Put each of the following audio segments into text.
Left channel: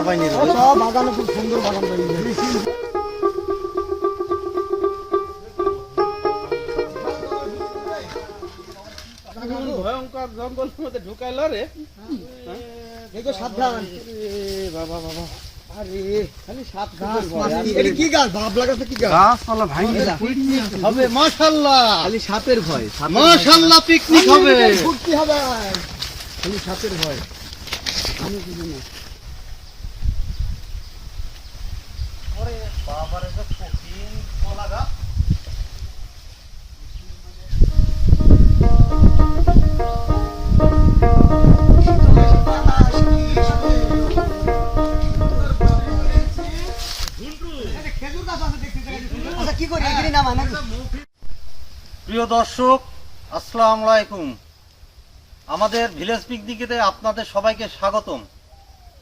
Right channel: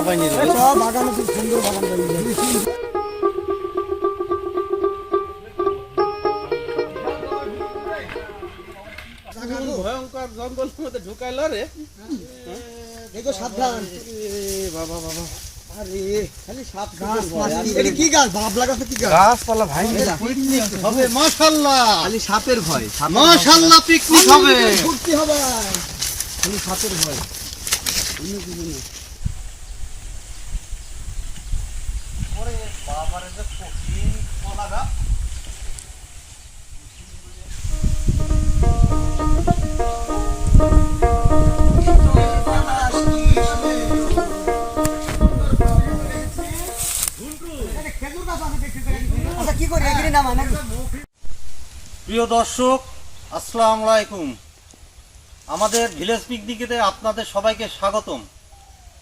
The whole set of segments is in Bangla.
চাপাই নিল। বাগানে খুব সুন্দর বাগান তৈরি। ভয়ঙ্কর জঙ্গলের মধ্যে ঢুকাইলো রে। দেখো সাবধান। বাবা বাবা, আরে খালি সাপ গাছ মাছি। এটা কি গাছ? বাবলা গাছ কি গাছ? গাছপালা ভাই পিকনিক হবে মাশাআল্লাহ। খালি সাপের ভয়। মাশাআল্লাহ পিকনিক হবে। ফুর্তি হবে। খালি সাপের ভয়। আমি কি জানি। ওরে বাবারে যে কঠিন কলা গাছ। প্রিয় দর্শক, আসসালামু আলাইকুম। আমাদের ভিলেজ পিকনিকেতে আপনাদের সবাইকে স্বাগতম।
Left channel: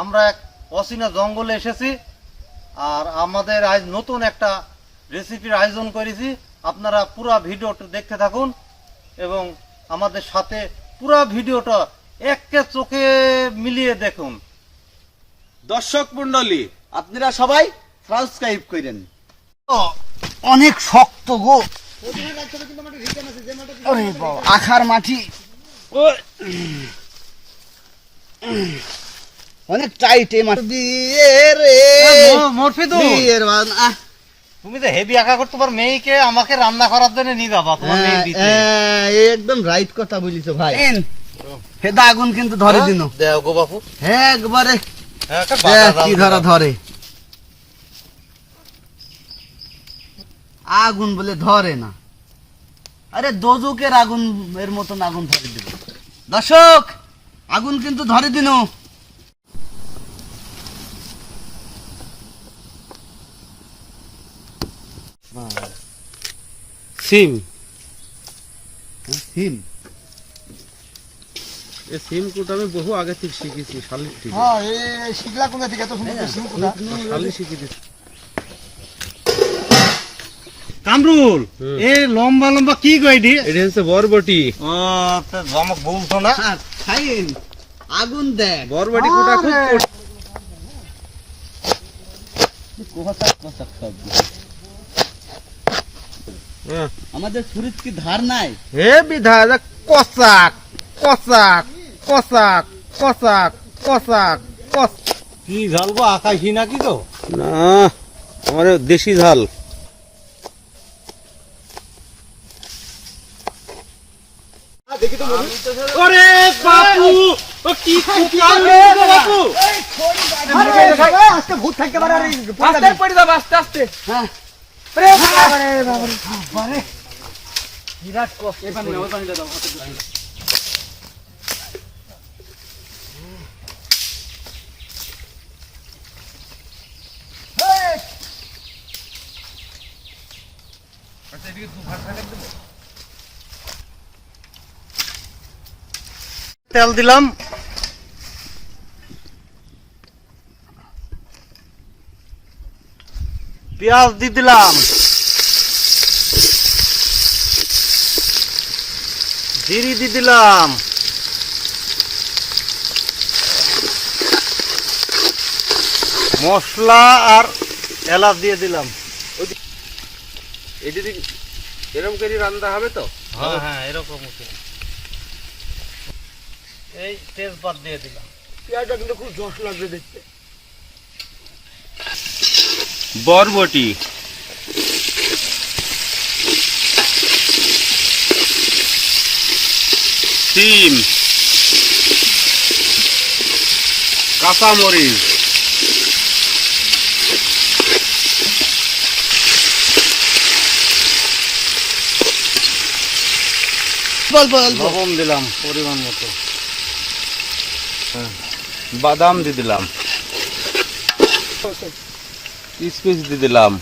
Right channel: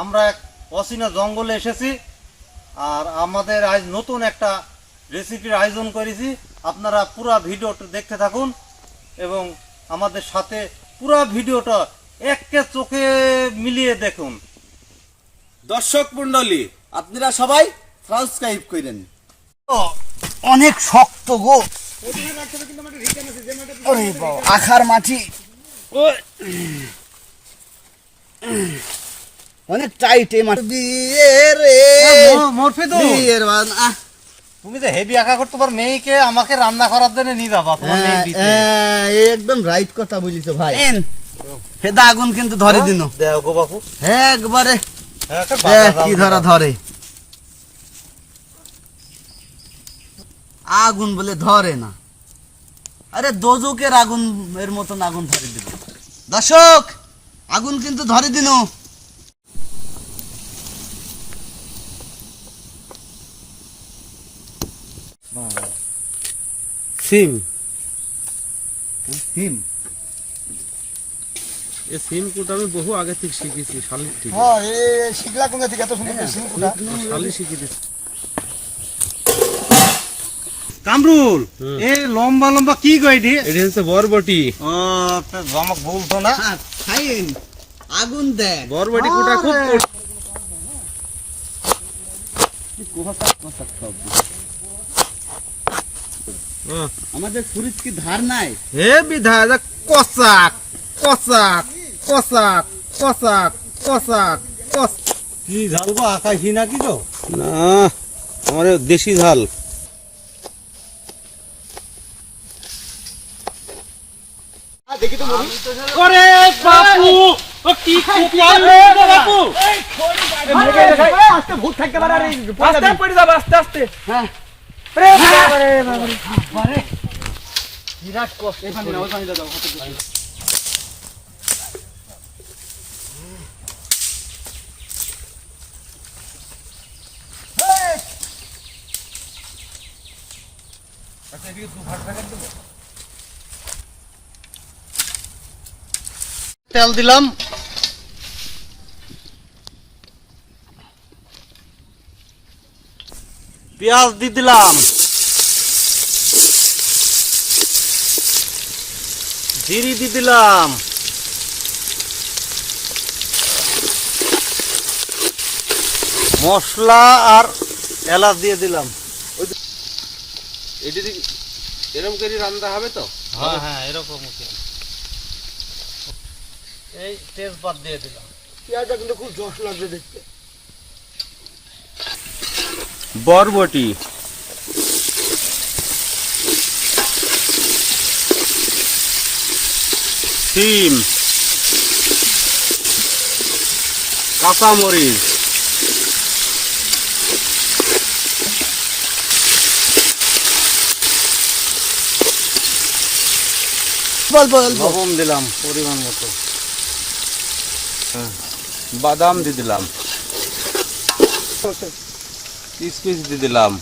আমরা এক অচেনা জঙ্গলে এসেছি আর আমাদের আজ নতুন একটা রেসিপির আয়োজন করেছি। আপনারা পুরো ভিডিওটা দেখতে থাকুন এবং আমাদের সাথে পুরো ভিডিওটা একে চোখে মিলিয়ে দেখুন। দর্শক মন্ডলী, আপনারা সবাই সাবস্ক্রাইব করেন। অনেক শক্ত গো। আরে বাবা, আখার মাটি অনেক টাইট এই মাটি। বিয়ের বিয়ের তুমি যে হেভি আঁকা করতে পারো, মেয়েকে আমাকে রান্না করার জন্য নিয়ে যাবা। একদম রাইট কথা বলিস ভাই। হেদা আগুন কিন্তু ধরে দিন। দেও গো বাপু, একবারে কি ধরা ধরে। আগুন বলে ধরে না, আরে দোজকের আগুন এর মতন আগুন ধরে দিল। দর্শক, আগুন কিন্তু ধরে দিন। সিম সিম এই সিম কুটা আমি বহু আগে থেকে শিখেছি, শালির থেকে। হ্যাঁ, এই শিখলা কোথা থেকে এত সুন্দর সিম কুটা? শালি শিখে দিচ্ছি। কামরুল, এই লম্বা লম্বা কি কইডি? এটা হচ্ছে বরবটি। ও তো জামক বলতো না। ফাইন, আগুন দেখ। বরবটি কুটা খুব আমাদের শরীর কি ধার নাই? হে বিধা কসাক কসাক কসাক কসাক কসাক কস। কি ঝাল গো, আকাশি নাকি তো? না, আমার দেশি ঝাল। দেখি তো মধু। ওরে বাপু, ও কি কুকালে বাপু। এই খড়ি গাড়ি আস্তে ভূত থাকতে পারে। আস্তে পড়ে যাবে, আস্তে আস্তে। হ্যাঁ, বাবারে বিরাট কষ্ট। তেল দিলাম, পেঁয়াজ দিয়ে দিলাম, জিরি দিয়ে দিলাম, মশলা আর এলাচ দিয়ে দিলাম। এরকম করে রান্না হবে তো? হ্যাঁ হ্যাঁ, এরকম। এই তেজপাত দিয়ে দিলাম। পেঁয়াজটা কিন্তু খুব জস লাগবে দেখতে। বরবটি, সিম, কাঁচামরিচ, লবণ দিলাম পরিমাণ মতো, বাদাম দিয়ে দিলাম, কিশমিশ দিয়ে দিলাম।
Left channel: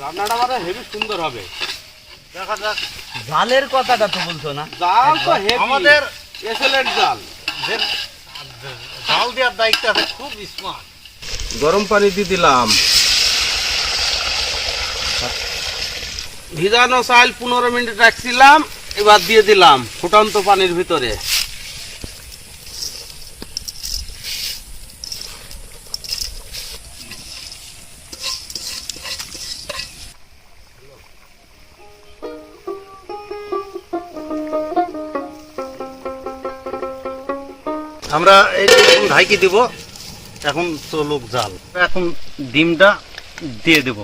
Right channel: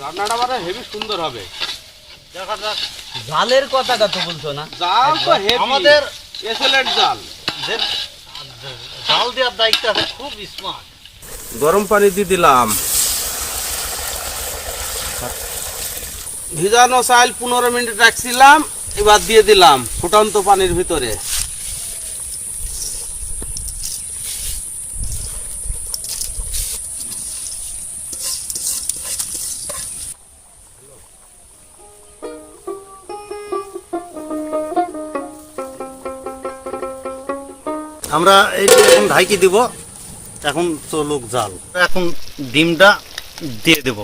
রান্নাটা মানে হেভি সুন্দর হবে। দেখা যাক। জালের কথাটা তো বলছো না? জাল তো হেভি, আমাদের এক্সেলেন্ট জাল। জাল দেওয়ার দায়িত্ব আছে, খুব স্মার্ট। গরম পানি দিয়ে দিলাম, ভিজানো চাল 15 মিনিট রাখছিলাম, এবার দিয়ে দিলাম ফুটন্ত পানির ভিতরে। আমরা এই ঢাকি দিব। এখন চলুক জাল। এখন ডিমটা দিয়ে দেব।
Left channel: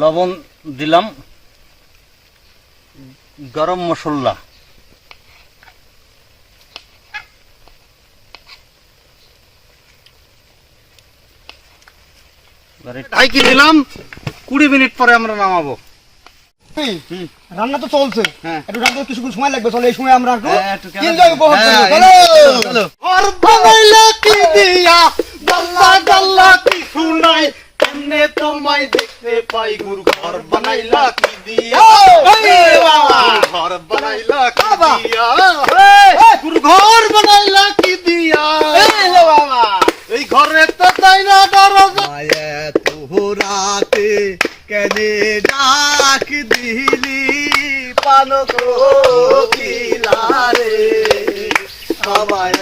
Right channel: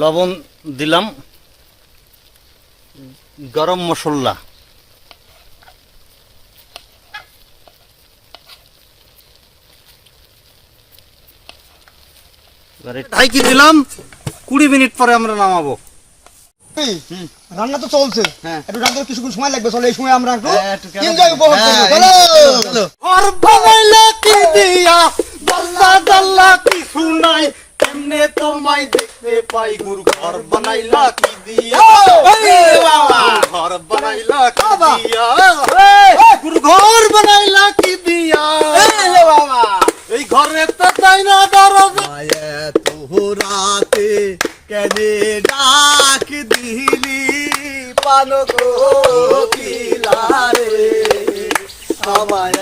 লবণ দিলাম, গরম মশলা, ঢাকি দিলাম। 20 মিনিট পরে আমরা নামাবো। রান্না তো চলছে, হ্যাঁ। একটু রান্না কিছুক্ষণ সময় লাগবে। চলো এই সময় আমরা একটু হ্যাঁ, একটু কেন- এনজয় উপভোগ হ্যাঁ, করবো। চলো চলো। ঘর বানাইলা কি দিয়া, গাল্লা গাল্লা কি শুনাই, কেমনে তোমায় দেখতে পাই, গুরু ঘর বানাইলা কি দিয়া, এই বাবা, ঘর বানাইলা কি দিয়া, গুরু ঘর বানাইলা কি দিয়া, এই বাবা, এই ঘরে তো তাই না দরজা। মায়া তোহরাতে কেনে ডাক দিলি পানক কিলারে, আমায়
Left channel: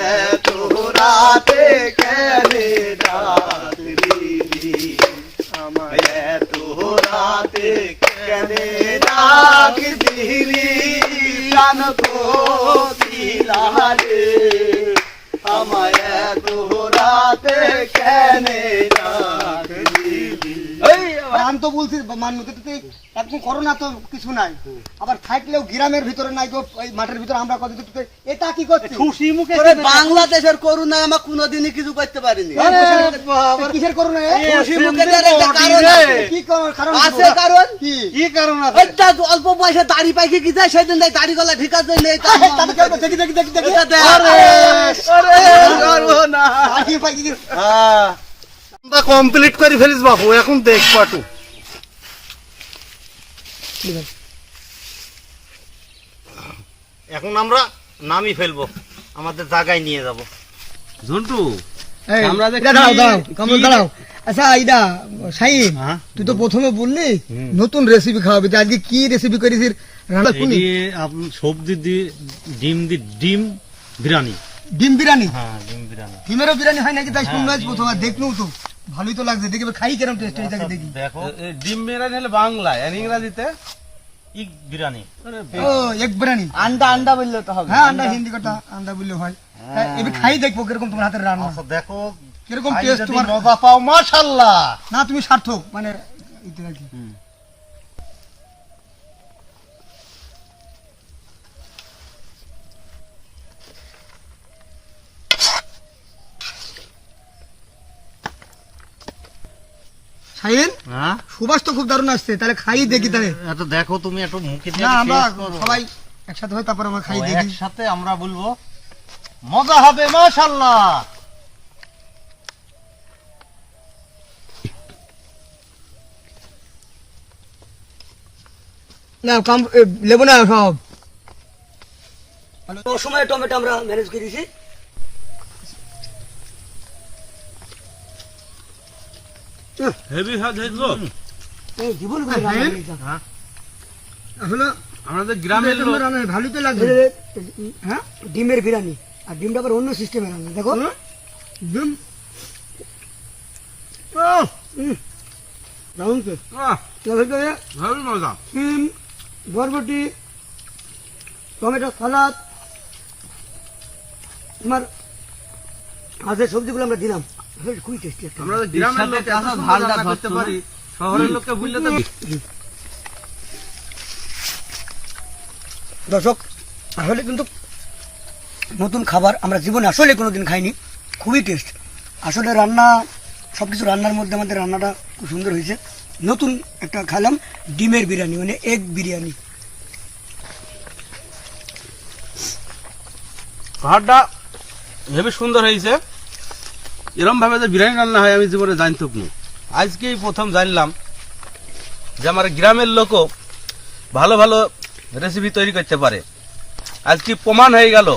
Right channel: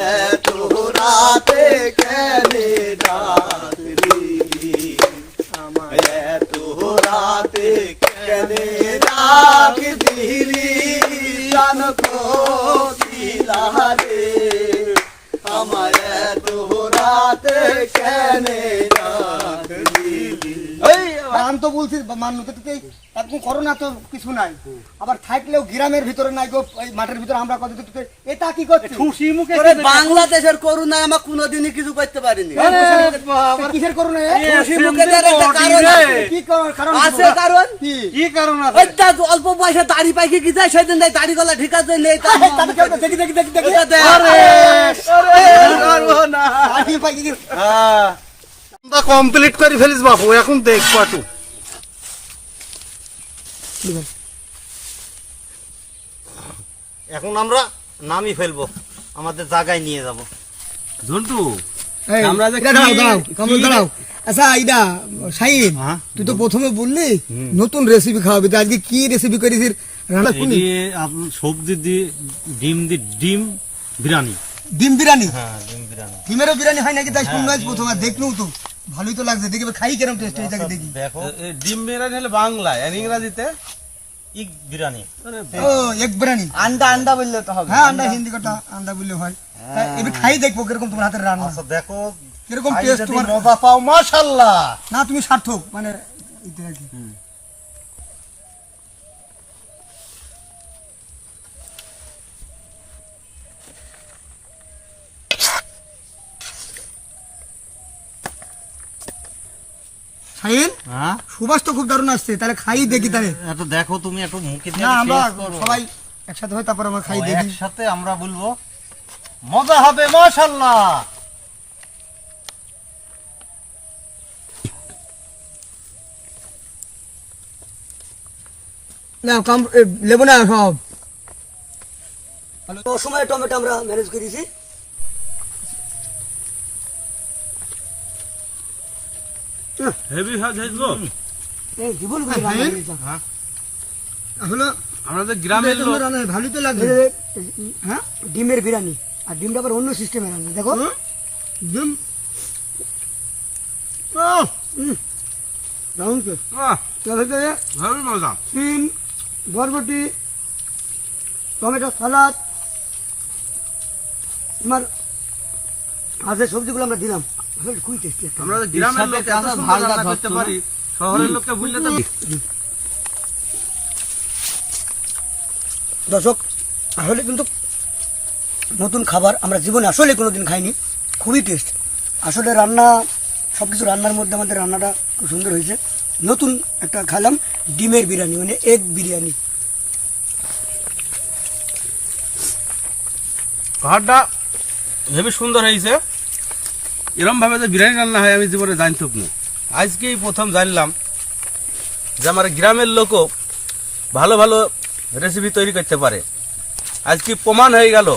তোহরাতে কেনে ডাক দিলি, আমায় তোহরাতে কেনে ডাক দিলি পানক কিলারে, আমায় তোহরাতে কেনে ডাক দিলি। আমি তো বলছি মানুষ একদম করোনা তো কিছু নাই, আবার থাকলেও গ্রামের ভিতরে নাই গো, এই মাঠের ভিতরে আমরা কত এটা কি করছি? খুশি মুখে ওরে বাংলাদেশের করুণা আমরা কোনোদিনই কিছু করতে পারিনি। কিসের করোনা? খুশি মুখে দেওয়ার একটা কারণ আছে। কি কারণ আছে কারণ কি? কি কারণ আছে? ওইটা অল্প বয়সে দাড়ি পাইকে কি যায় সেদিন দেয় দাড়ি গলা ঠিক আছে নেই তা তাতে কেউ দেখি দেখি দেখি দেখি ওটা দেয়। সর্বনাশ। আরে ভাই, কি- হ্যাঁ, আমরা কমপ্লিট করে ফেলিস বাবু। এখন দেখ পাটু, এখন আমরা নামি ফেলবো, আমাদের জায়গায় নিয়ে যাব। ঝন্টু এই, আমরা যে এটা দাঁড়াও দাঁড়াও কমল দাঁড়াও। আচ্ছা আইডা শাহিন, হ্যাঁ? তুই তো প্রথমে বললি নতুন রেসিপি খাওয়াবি, তো আজকে কি রেসিপি করেছিস? রান্না শুনি। সবজি দিয়ে ডিম বিরিয়ানি। ডিম বিরিয়ানি? হ্যাঁ, ডিম বিরিয়ানি। ডিমেরও বিরিয়ানি হয় নাকি? তাই শুনলাম প্রথম, আর দেখলেও তো ভালোই তো লাগছে। দেখি এবার খাই কেরম টেস্ট হয়েছে দেখি। দেখো, ডিম বিরিয়ানি হলে বাংলায় আর ইংরাজিতে ইগ বিরিয়ানি। ও এক বিরিয়ানি। আন্ডা আন্ডা বললে তো হবে। হ্যাঁ আন্ডা, হিন্দি কথা আন্ডা বললে হয়। তা এবার খাই দেখবো কিরকম তোমার হাতের রান্না, আচ্ছা দেখো, কিরকম খাই টেস্ট যদি তোমার। মজা পাও মাশাআল্লাহ। না তুমি সার্থক, মানে এতে আর কি। শাহিন, হ্যাঁ, সুবাস তো খুব দারুণ আসছে, তাহলে খাই দেখি তাহলে। এত দেখো তুমি, একটু মুখে দিয়ে না আমরা taste করো। সবাই একসাথে হয়, তারপর আমরা খাই ও, দেখি। একসাথে আমরা বলবো মজা হবে মাশাআল্লাহ। না কাম লেবু না সব। ও সময় টমেটো আমরা ম্যানেজ করেছি। হেভি হাজ হইলো। এই জীবন করে রান্না করেছে। আসলে আমাদের গ্রামের লোক রান্না ভালোই তো লাগবে। হ্যাঁ ডিমের বিরিয়ানি, আর ডিমটা আবার অন্য সিস্টেমে রান্না। দেখো ডিম দারুণ তো। হেভি মজা। ডিম, বরবটি, টমেটো সালাদ, তোমার হাতের সবজিগুলো আমরা দিলাম, আসলে খুবই টেস্টি। আমরা যে গ্রামের লোক এত সুন্দর রান্না করতে পারি, শহরের লোককে ভুললে তো দর্শক, আসলে কিন্তু নতুন খাবার আমরা জীবনে আসলে কোনোদিন খাইনি, খুবই টেস্ট। আসলে রান্না, সব কিছু রান্নার মধ্যে আমাদের রান্নাটা খুব সুন্দর হয়েছে। নতুন একটা খেলাম ডিমের বিরিয়ানি, মানে এগ বিরিয়ানি। খাবারটা হেবি সুন্দর হয়েছে। এরম ভাবে যে বিরিয়ানি রান্না হয় আমি জীবনে জানতাম না, আজকেই প্রথম জানলাম। যে আমার গ্রামের লোকও ভালো ভালো রেসিপি তৈরি করতে পারে। আজকে প্রমাণ হয়ে গেল।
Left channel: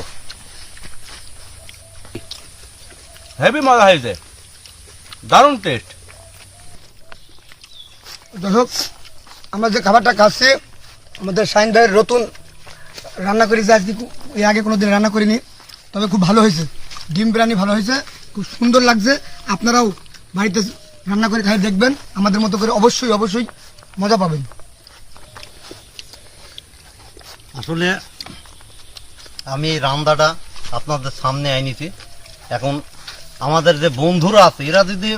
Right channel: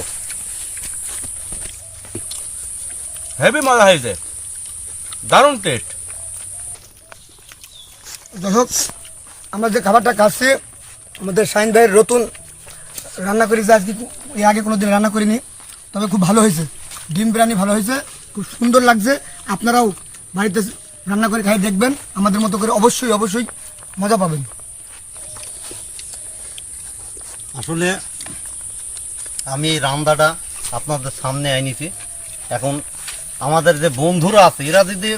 হেভি মজা হয়েছে, দারুণ টেস্ট। দর্শক, আমরা যে খাবারটা খাচ্ছি আমাদের শাহিন ভাইয়ের নতুন রান্না করি, যে আজকে এর আগে কোনোদিন রান্না করিনি, তবে খুব ভালো হয়েছে। ডিম বিরিয়ানি ভালো হয়েছে, খুব সুন্দর লাগছে। আপনারাও বাড়িতে রান্না করে খাই দেখবেন, আমাদের মতো করে অবশ্যই অবশ্যই মজা পাবেন। আসলে আমি এই রান্নাটা আপনাদের সামনে আনিছি। এখন আমাদের যে বন্ধুরা আছে এরা যদি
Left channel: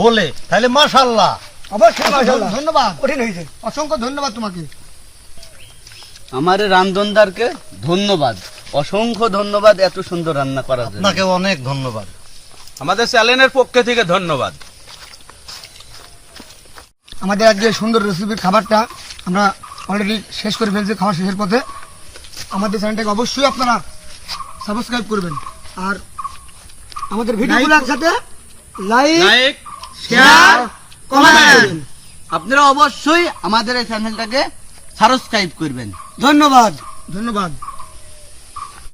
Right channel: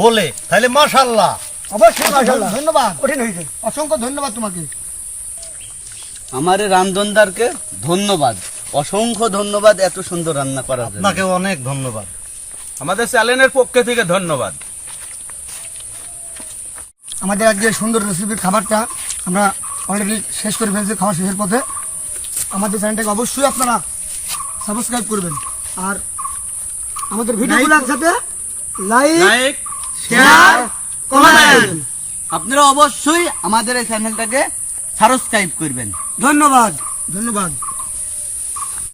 বলে তাহলে মাশাআল্লাহ। অবশ্যই ধন্যবাদ, কঠিন হয়েছে, অসংখ্য ধন্যবাদ তোমাকে। আমার রান্ধনদারকে ধন্যবাদ, অসংখ্য ধন্যবাদ এত সুন্দর রান্না করার জন্য। আপনাকে অনেক ধন্যবাদ। আমাদের চ্যানেলের পক্ষ থেকে ধন্যবাদ। আমাদের আজকে সুন্দর রেসিপির খাবারটা আমরা অলরেডি শেষ করে ফেলছি, খাওয়া শেষের পথে। আমাদের চ্যানেলটাকে অবশ্যই আপনারা সাবস্ক্রাইব করবেন, আর আমাদের ভিডিওগুলোর সাথে লাইক শেয়ার কমেন্ট। আপনারা অবশ্যই আমাদের এই চ্যানেলটাকে সাবস্ক্রাইব করবেন। ধন্যবাদ ধন্যবাদ।